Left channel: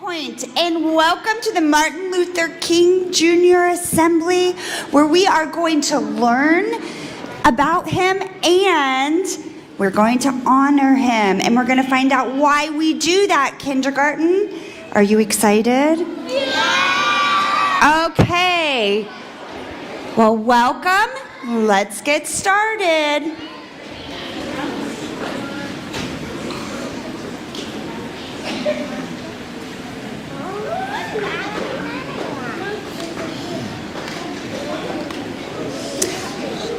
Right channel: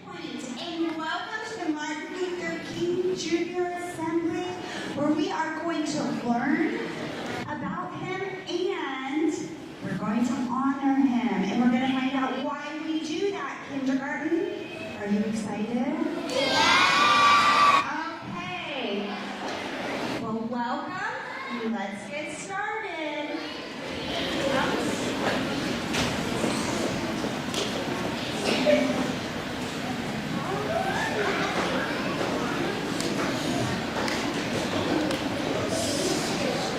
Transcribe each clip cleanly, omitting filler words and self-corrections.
HighPoint, and welcome to the Martin Luther King Jr. Assembly, where we are going to learn about him and we're going to honor him, and we're going to find out why we do that, kindergarten. Are you excited? Yeah! Okay. Well, welcome. Let's get started.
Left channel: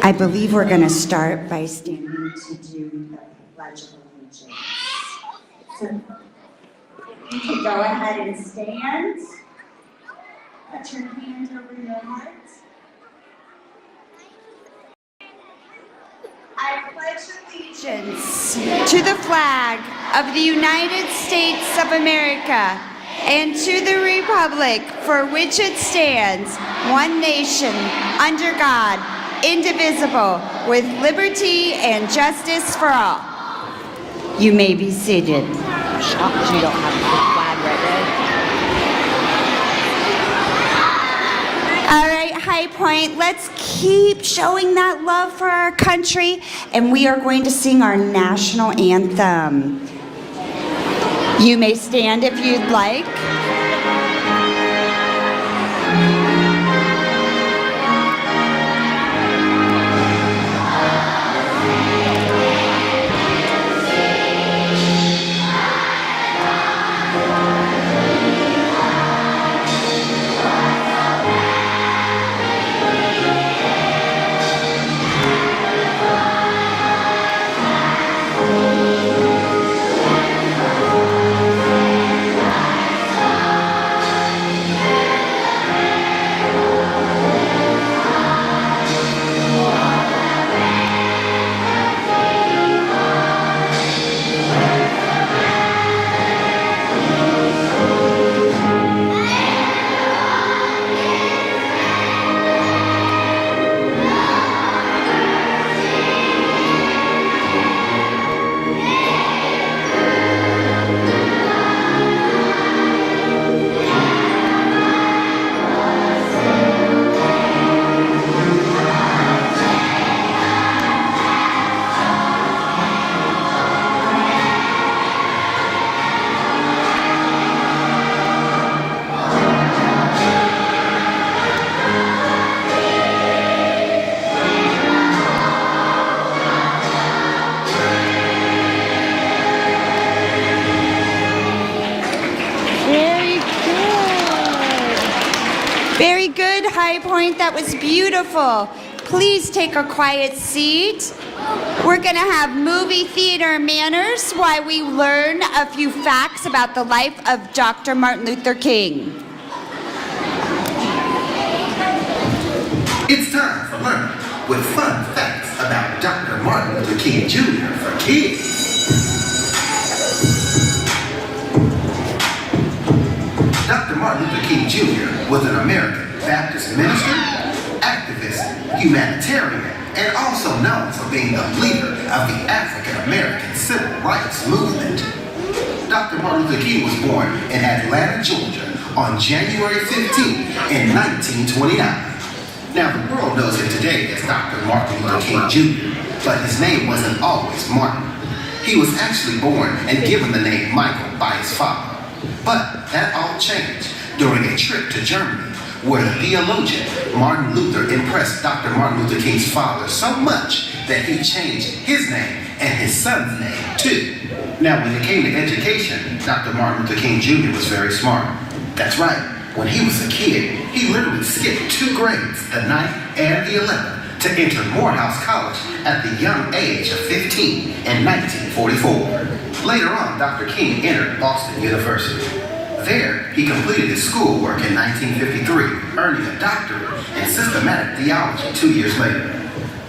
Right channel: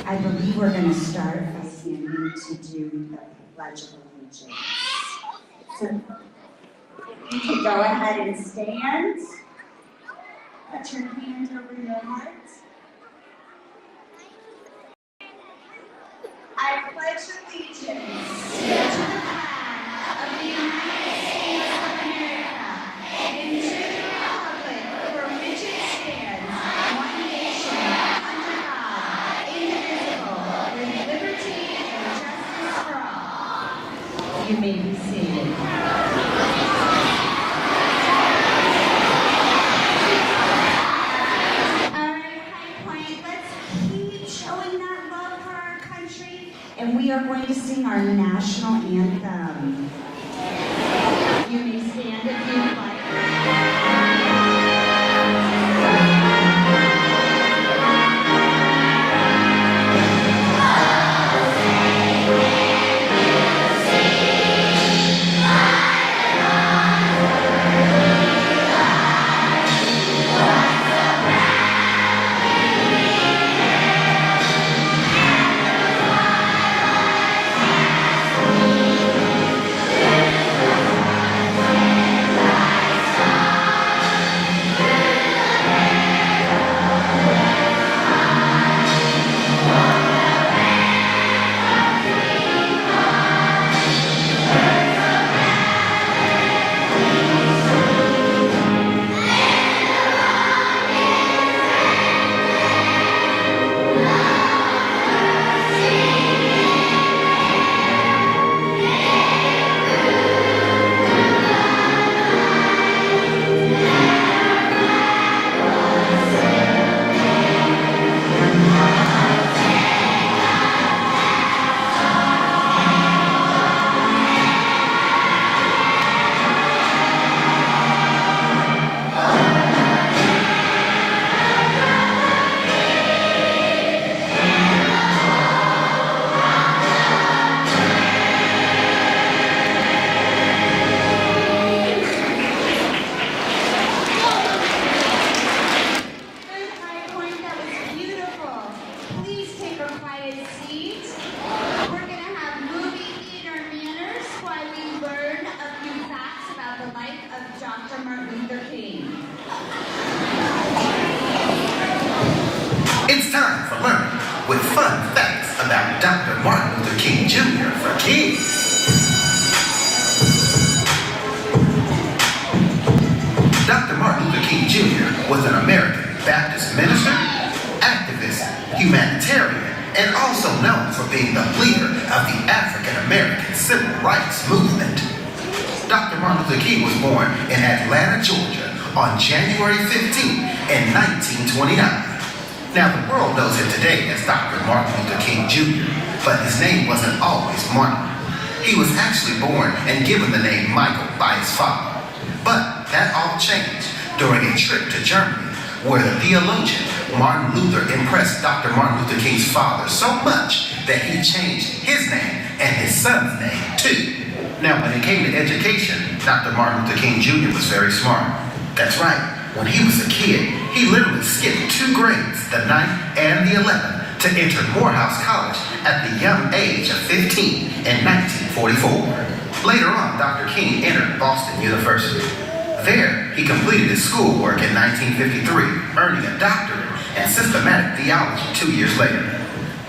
I believe we're going to start by standing to do the Pledge of Allegiance. So you can go ahead and stand. Put your hand over your heart. I pledge allegiance to the flag of the United States of America and to the republic for which it stands, one nation, under God, indivisible, with liberty and justice for all. You may be seated. All right, HighPoint, let's keep showing that love for our country, and we are going to sing our national anthem. You may stand if you'd like. HighPoint, that was beautiful. Please take a quiet seat. We're going to have movie theater manners while we learn a few facts about the life of Dr. Martin Luther King. It's time for learning with fun facts about Dr. Martin Luther King Jr. for kids. Dr. Martin Luther King Jr. was an American Baptist minister, activist, humanitarian, and also known for being a leader of the African-American civil rights movement. Dr. Martin Luther King was born in Atlanta, Georgia on January 15, in 1929. Now, the world knows him today as Dr. Martin Luther King Jr., but his name wasn't always Martin. He was actually born and given the name Michael by his father. But that all changed during a trip to Germany, where the theologian Martin Luther impressed Dr. Martin Luther King's father so much that he changed his name and his son's name too. Now, when it came to education, Dr. Martin Luther King Jr. was very smart. That's right, when he was a kid, he literally skipped 2 grades, the 9th and the 11th, to enter Morehouse College at the young age of 15 in 1944. Later on, Dr. King entered Boston University. There, he completed his schoolwork in 1953, earning a doctorate in systematic theology 2 years later.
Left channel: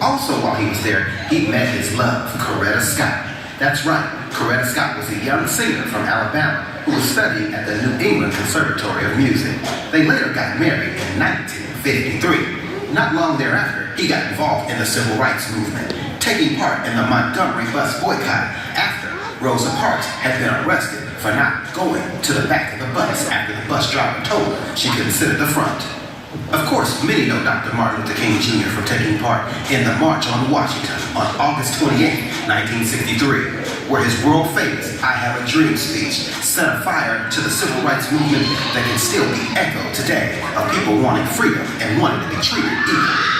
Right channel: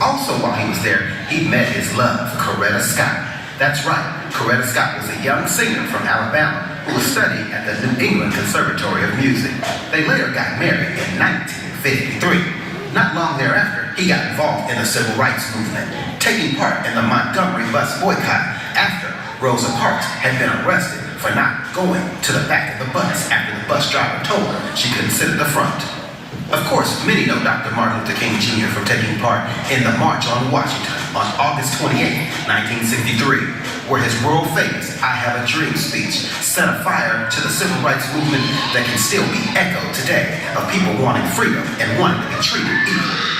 Also, while he was there, he met his love, Coretta Scott. That's right, Coretta Scott was a young singer from Alabama who was studying at the New England Conservatory of Music. They later got married in 1953. Not long thereafter, he got involved in the civil rights movement, taking part in the Montgomery bus boycott after Rosa Parks had been arrested for not going to the back of the bus after the bus driver told her she couldn't sit at the front. Of course, many know Dr. Martin Luther King Jr. from taking part in the March on Washington on August 28, 1963, where his world-famous I Have a Dream speech set a fire to the civil rights movement that can still be echoed today of people wanting freedom and wanting to be treated equally.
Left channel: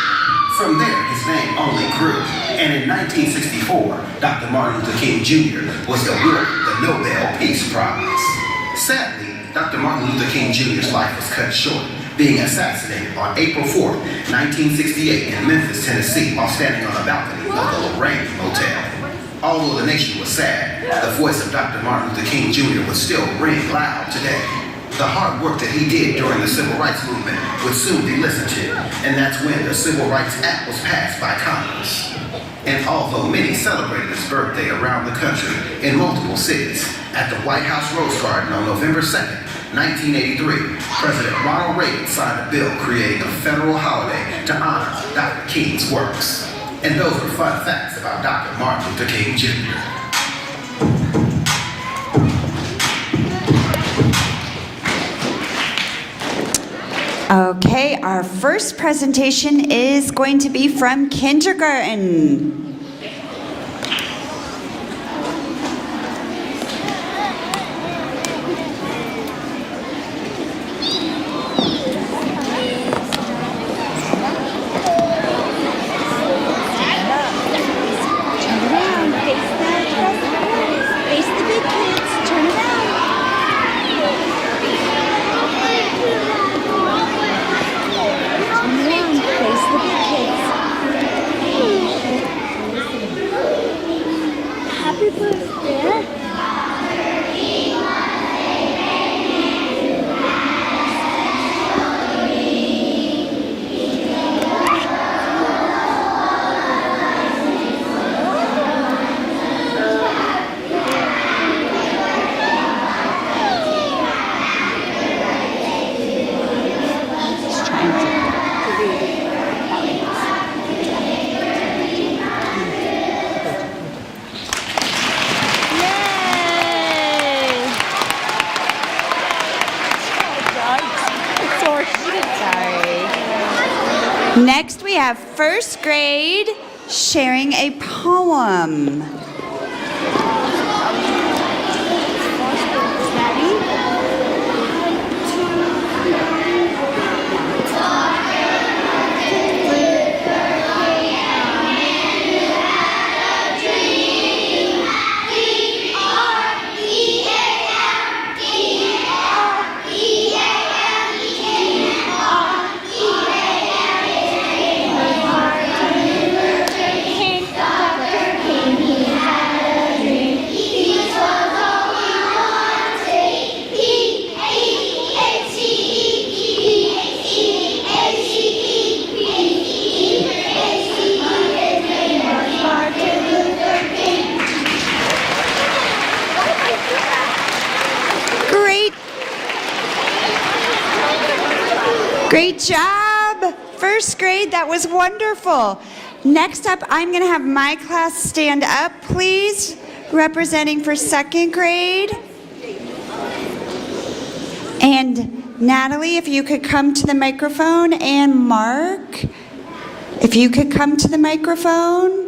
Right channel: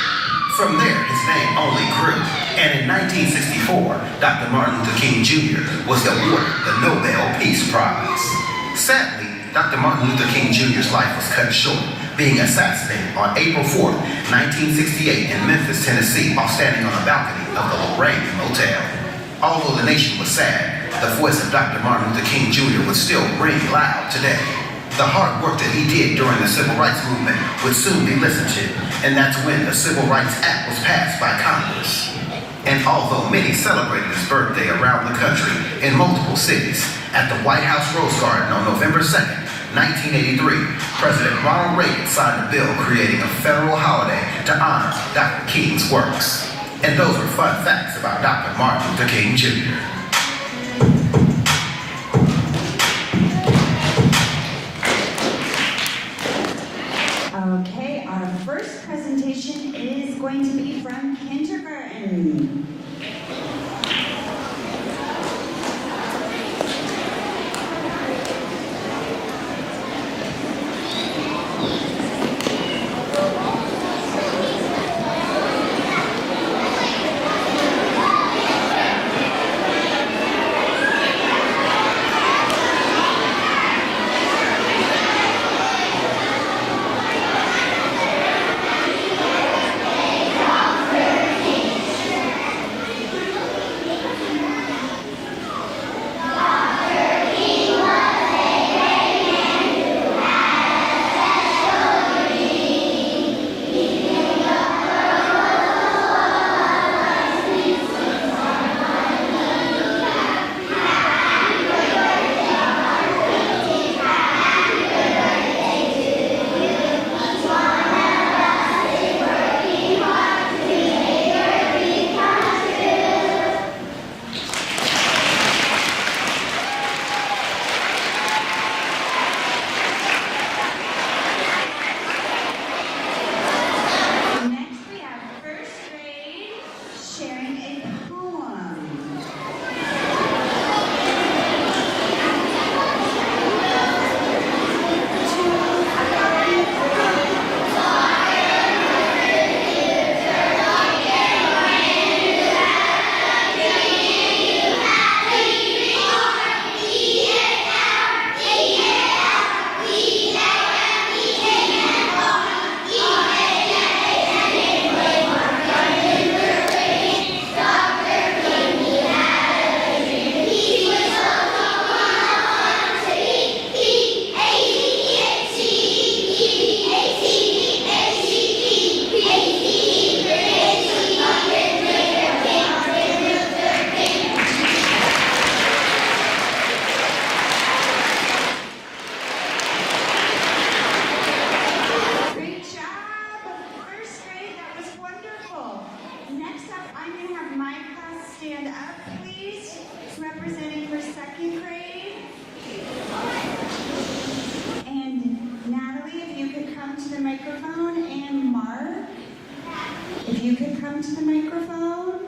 From there, his name only grew, and in 1964, Dr. Martin Luther King Jr. was awarded the Nobel Peace Prize. Sadly, Dr. Martin Luther King Jr.'s life was cut short, being assassinated on April 4, 1968 in Memphis, Tennessee, while standing on the balcony of the Lorraine Hotel. Although the nation was sad, the voice of Dr. Martin Luther King Jr. would still ring loud today. The hard work that he did during the civil rights movement would soon be listened to, and that's when the Civil Rights Act was passed by Congress. And although many celebrated his birthday around the country in multiple cities, at the White House Rose Garden on November 2nd, 1983, President Ronald Reagan signed a bill creating a federal holiday to honor Dr. King's works. And those are fun facts about Dr. Martin Luther King Jr. Okay, our first presentation is going to be from kindergarten. Next, we have first grade sharing a poem. Great job, first grade, that was wonderful. Next up, I'm gonna have my class stand up, please, representing for second grade. And Natalie, if you could come to the microphone, and Mark, if you could come to the microphone.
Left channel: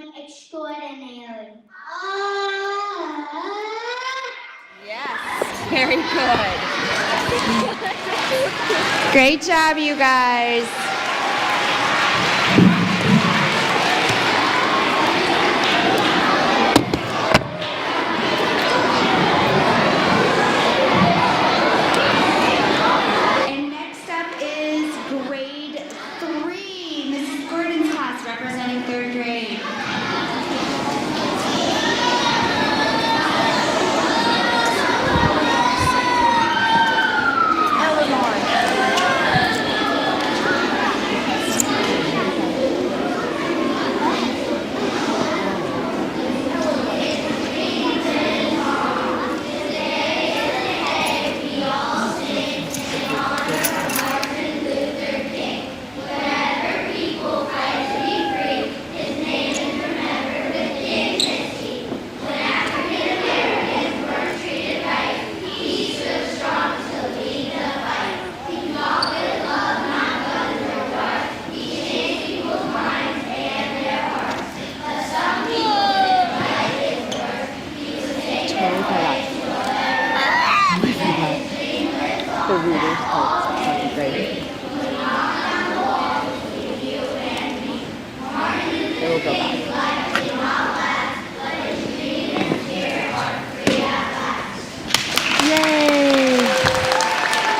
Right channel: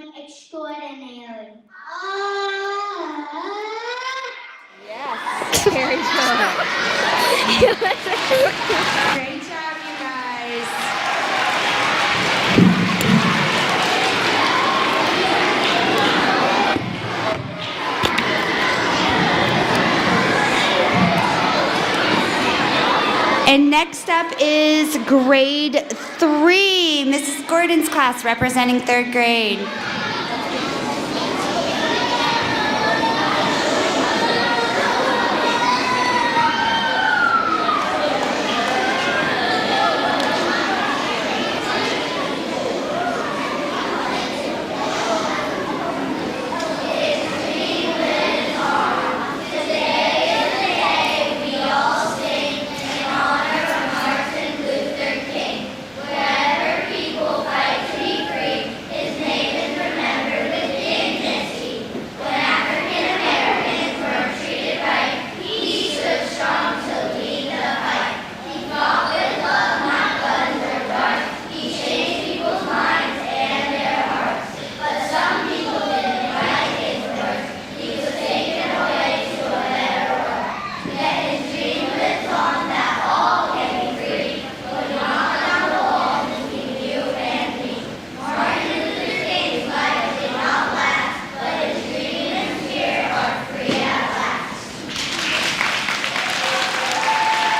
HighPoint extraordinary. Yes, very good. Great job, you guys. And next up is grade 3, Mrs. Gordon's class representing 3rd grade.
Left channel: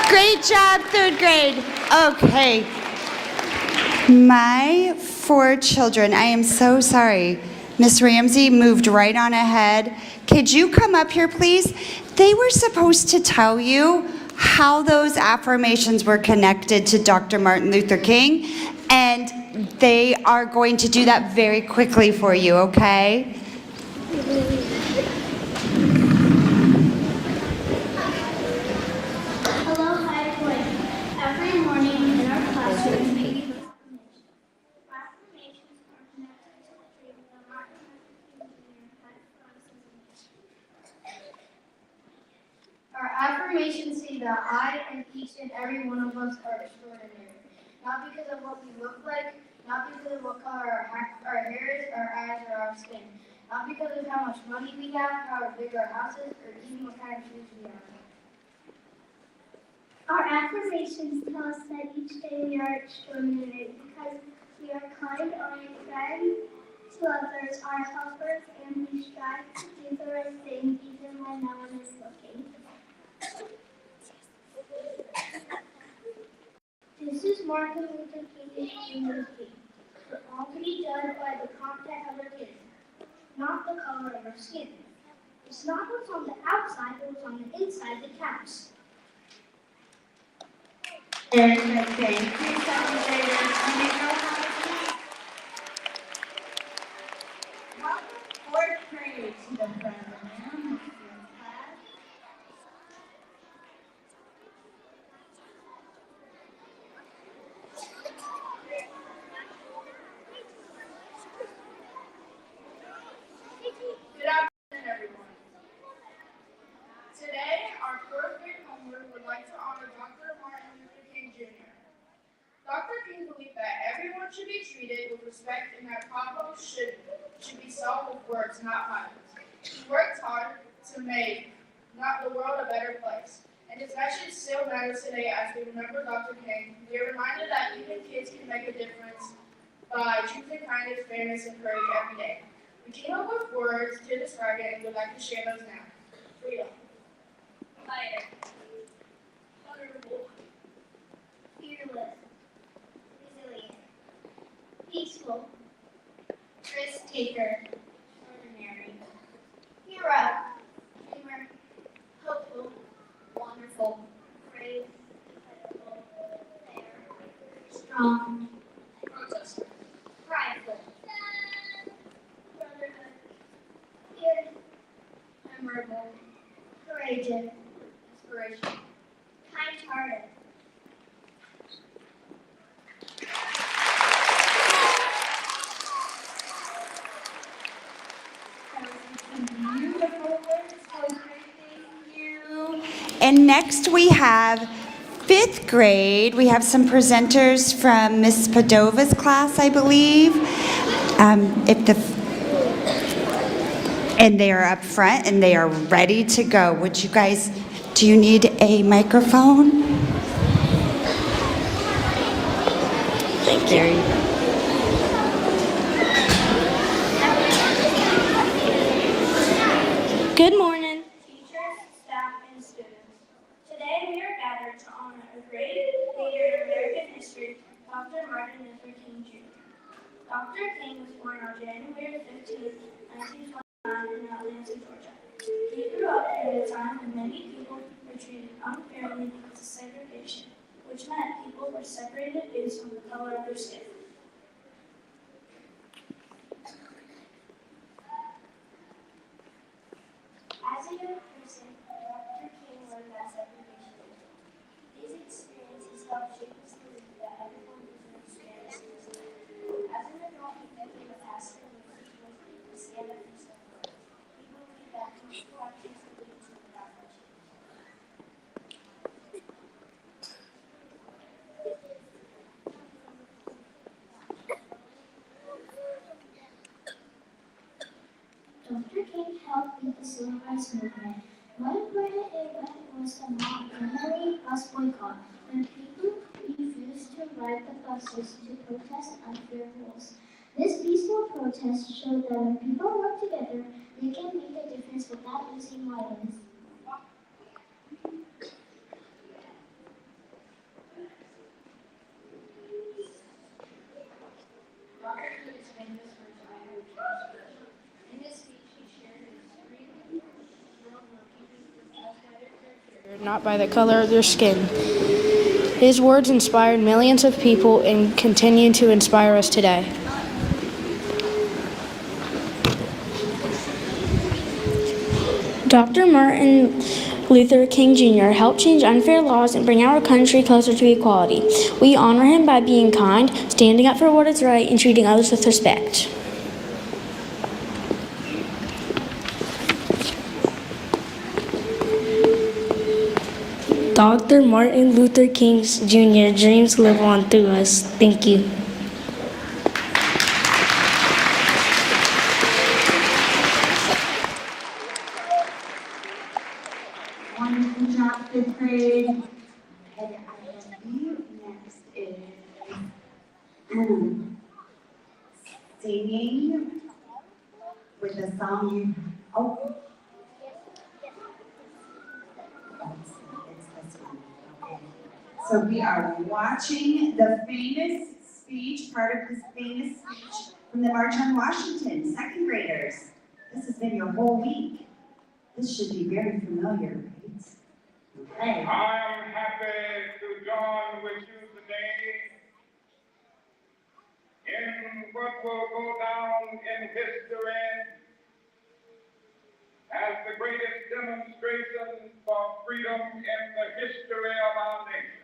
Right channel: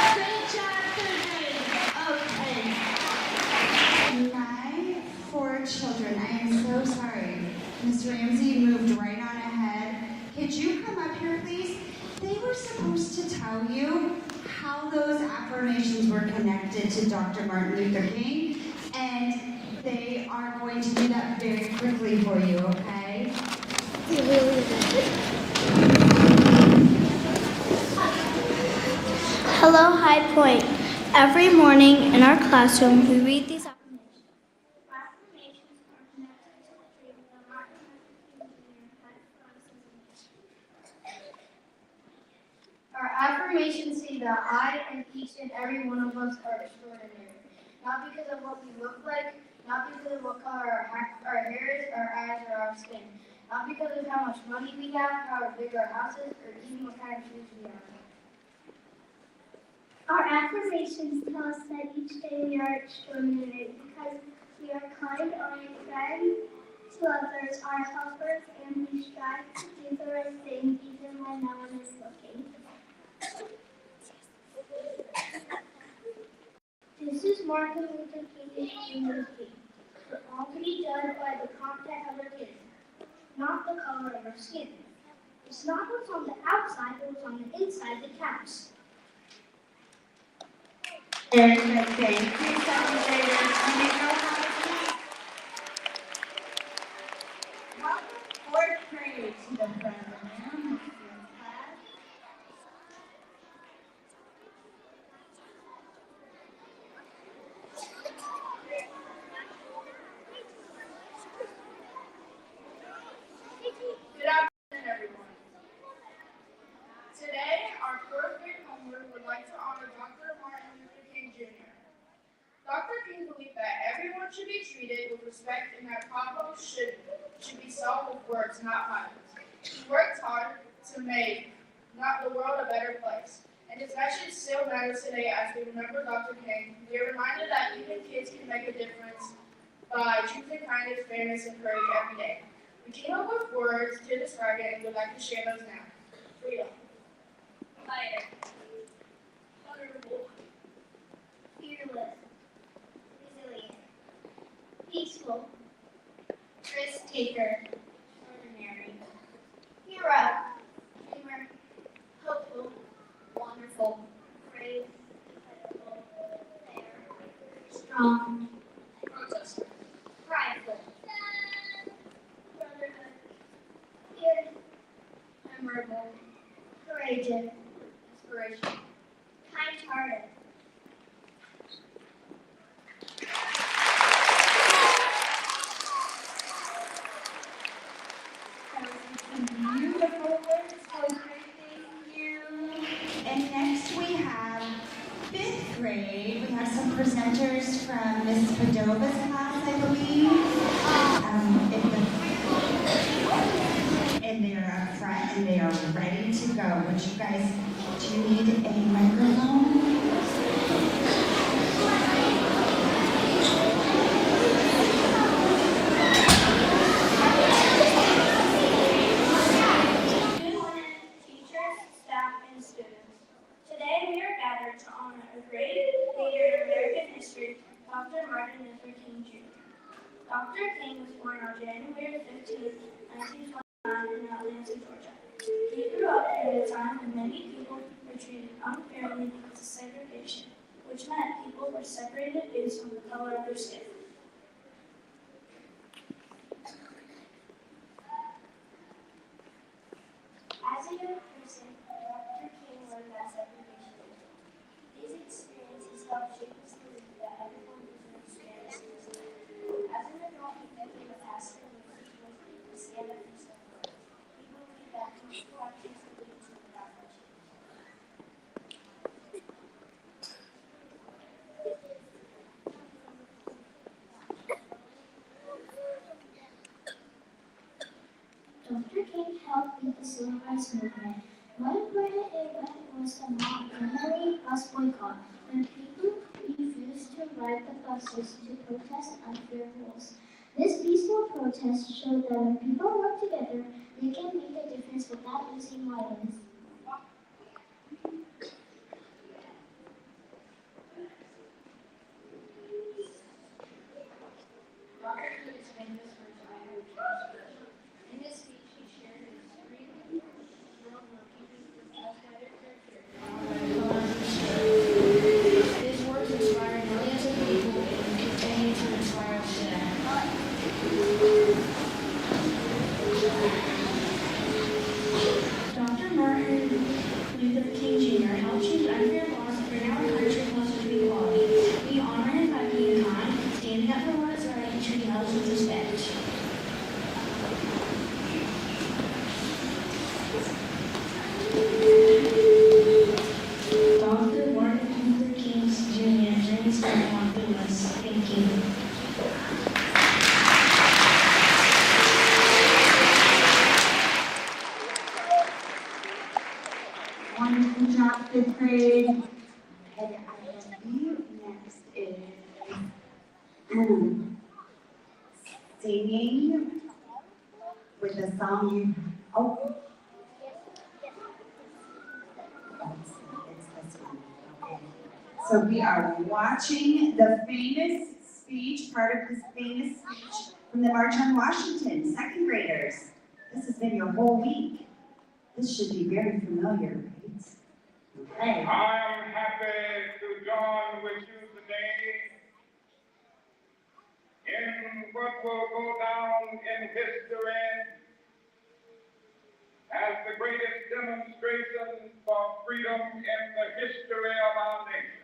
Great job, 3rd grade. Okay. My 4 children, I am so sorry. Miss Ramsey moved right on ahead. Could you come up here, please? They were supposed to tell you how those affirmations were connected to Dr. Martin Luther King, and they are going to do that very quickly for you, okay? Hello, HighPoint. Every morning in our classroom, we read these affirmations. Affirmations are connected to the dream that Martin Luther King Jr. had for us as a nation. Our affirmations say that I and each and every one of us are extraordinary. Not because of what we look like, not because of what color our hair is, our eyes, or our skin. Not because of how much money we have, how big our house is, or even what kind of shoes we have. Our affirmations tell us that each day we are extraordinary because we are kind, kind to others, are helpers, and we strive to do the right thing even when no one is looking. This is Martin Luther King Jr.'s speech. For all to be judged by the content of our kids, not the color of our skin. It's not what's on the outside, but what's on the inside that counts. Very good, thank you, 7th graders. Do you know how to do? Welcome 4th grade to the program. Good afternoon, everyone. Today, our 4th grade homework would like to honor Dr. Martin Luther King Jr. Dr. King believed that everyone should be treated with respect and that problems should be solved with words, not violence. He worked hard to make not the world a better place. And his message still matters today as we remember Dr. King. We are reminded that even kids can make a difference by choosing kindness, fairness, and courage every day. We came up with words to describe it and would like to share those now. Freedom. Fighter. Honorable. Fearless. Resilient. Peaceful. Risk taker. Extraordinary. Hero. Dreamer. Hopeful. Wonderful. Brave. Incredible. Fair. Strong. Protester. Prideful. Brotherhood. Good. Memorable. Courageous. Inspiration. Kind-hearted. Beautiful words, 4th grade, thank you. And next we have 5th grade. We have some presenters from Miss Padova's class, I believe. If the And they are up front and they are ready to go. Would you guys, do you need a microphone? There you go. Good morning, teachers, staff, and students. Today we are gathered to honor a great leader in American history, Dr. Martin Luther King Jr. Dr. King was born on January 15, 1929 in Atlanta, Georgia. He grew up during a time when many people were treated unfairly because of segregation, which meant people were separated based on the color of their skin. As a young person, Dr. King learned that segregation was wrong. These experiences helped shape his belief that everyone deserves fairness in this life. As an adult, he became a pastor and was to stand up for self-worth. He believed that peaceful actions could lead to without bloodshed. Dr. King helped lead the civil rights movement. One important event was the Montgomery bus boycott, when people refused to ride the buses to protest unfair rules. This peaceful protest showed that when people work together, they can make a difference without using violence. Dr. King is famous for his iron speech. In his speech, he shared his freedom world where people were judged by their character, Not by the color of their skin. His words inspired millions of people and continue to inspire us today. Dr. Martin Luther King Jr. helped change unfair laws and bring our country closer to equality. We honor him by being kind, standing up for what is right, and treating others with respect. Dr. Martin Luther King Jr. dreams live on through us. Thank you. Wonderful job, fifth grade. And I believe next is singing with the song you. Oh. It's this one. Okay. So we are watching the famous speech, part of this famous speech from the March on Washington, second graders. This has been your whole week. This should be very familiar, right? Okay. I am happy to join with you today in what will go down in history as the greatest demonstration for freedom in the history of our nation.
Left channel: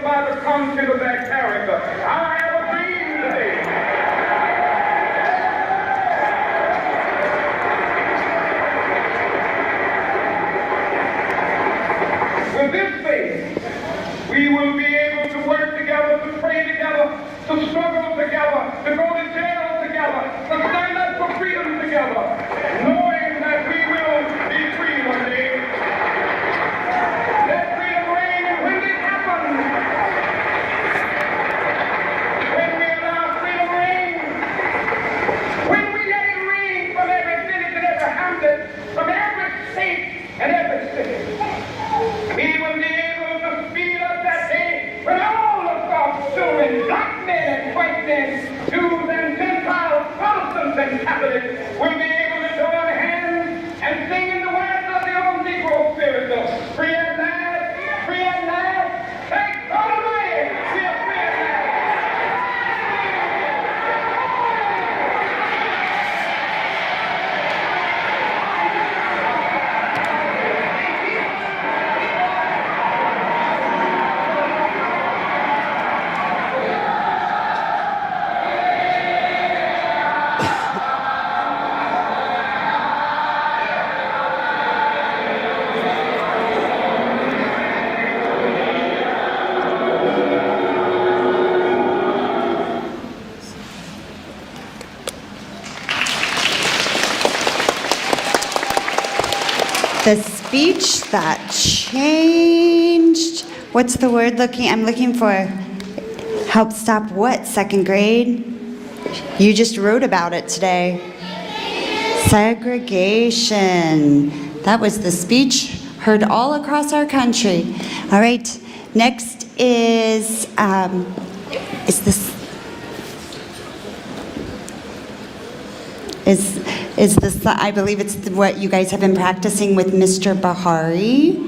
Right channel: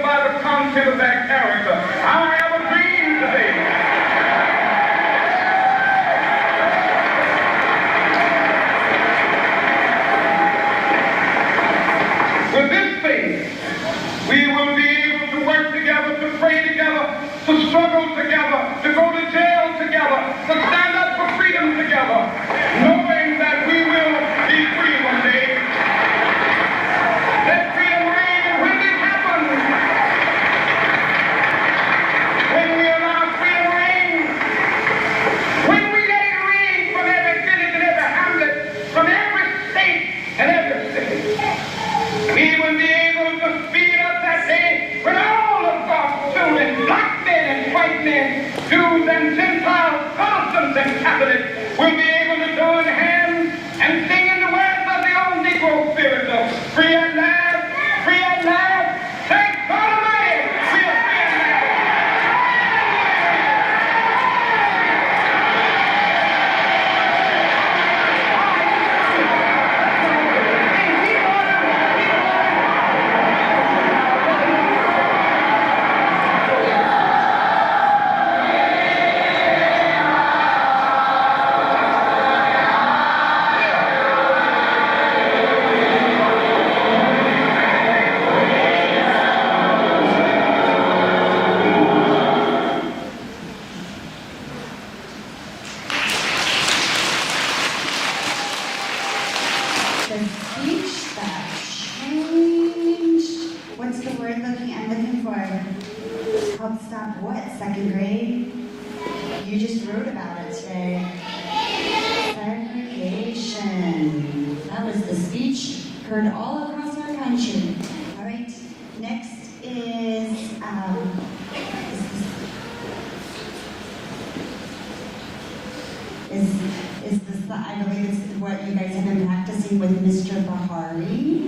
By the content of their character. I have a dream today. With this faith, we will be able to work together, to pray together, to struggle together, to go to jail together, to stand up for freedom together, knowing that we will be free one day. Let freedom reign, and when it happens, when we allow freedom reign, when we let it reign from every village and every hamlet, from every state and every city, we will be able to speed up that day when all of God's children, black men and white men, Jews and Gentiles, Protestants and Catholics, will be able to join hands and sing in the words of the old Negro spiritual, free at last, that changed. What's the word I'm looking for? Help stop what, second grade? You just wrote about it today. Segregation. That was the speech heard all across our country. All right, next is this, I believe it's what you guys have been practicing with Mr. Bahari.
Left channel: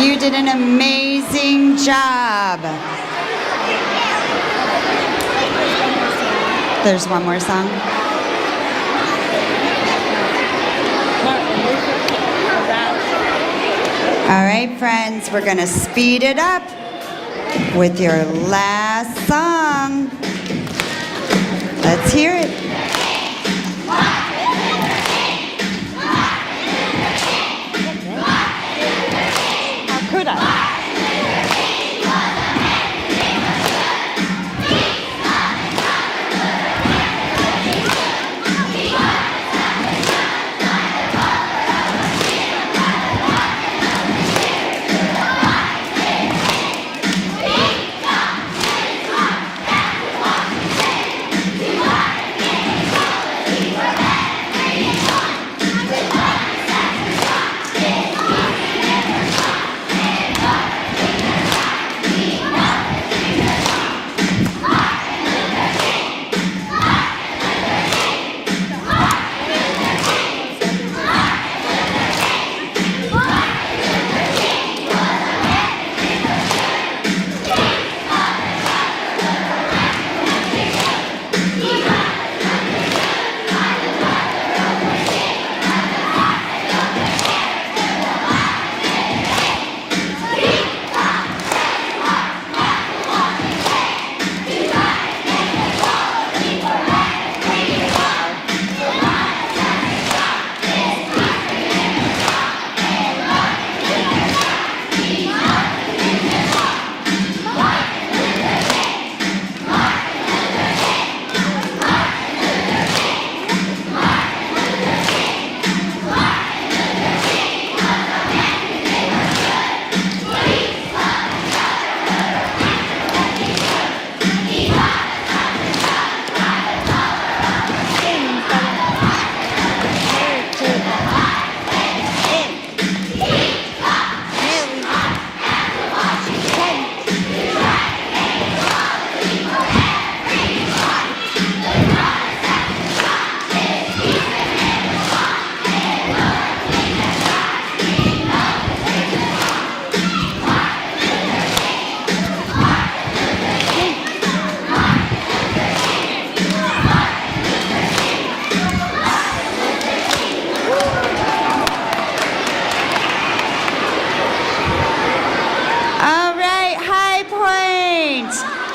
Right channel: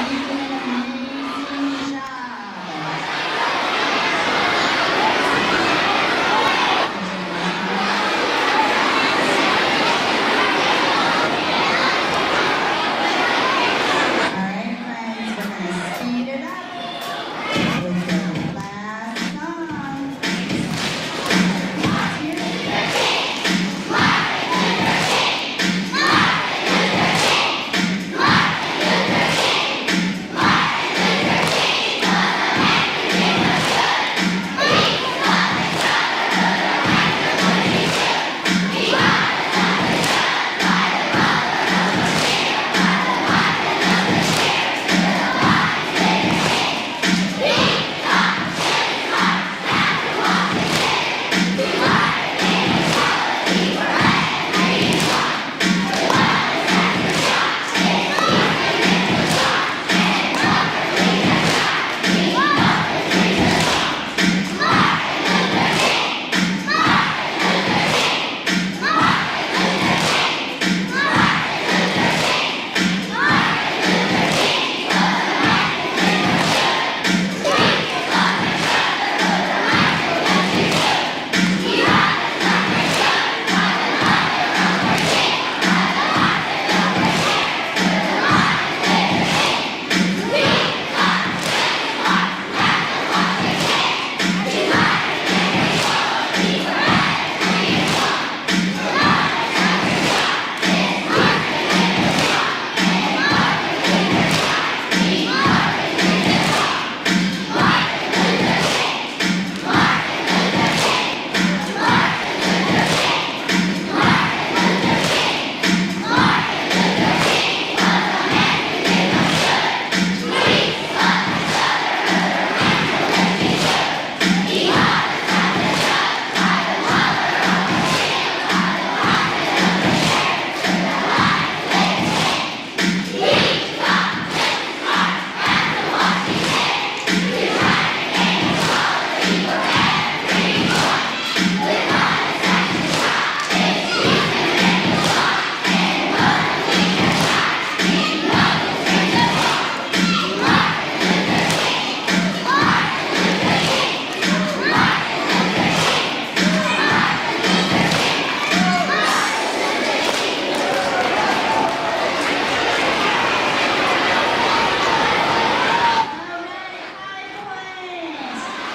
You did an amazing job. There's one more song. All right, friends, we're going to speed it up with your last song. Let's hear it.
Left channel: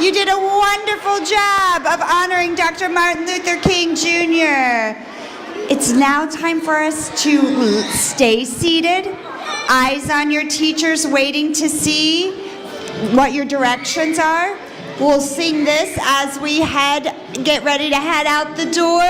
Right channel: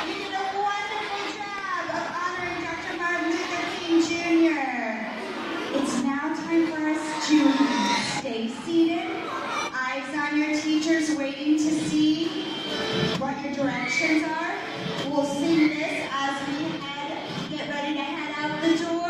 You did a wonderful job of honoring Dr. Martin Luther King Jr. It's now time for us to stay seated, eyes on your teachers waiting to see what your directions are. We'll sing this as we get ready to head out the door.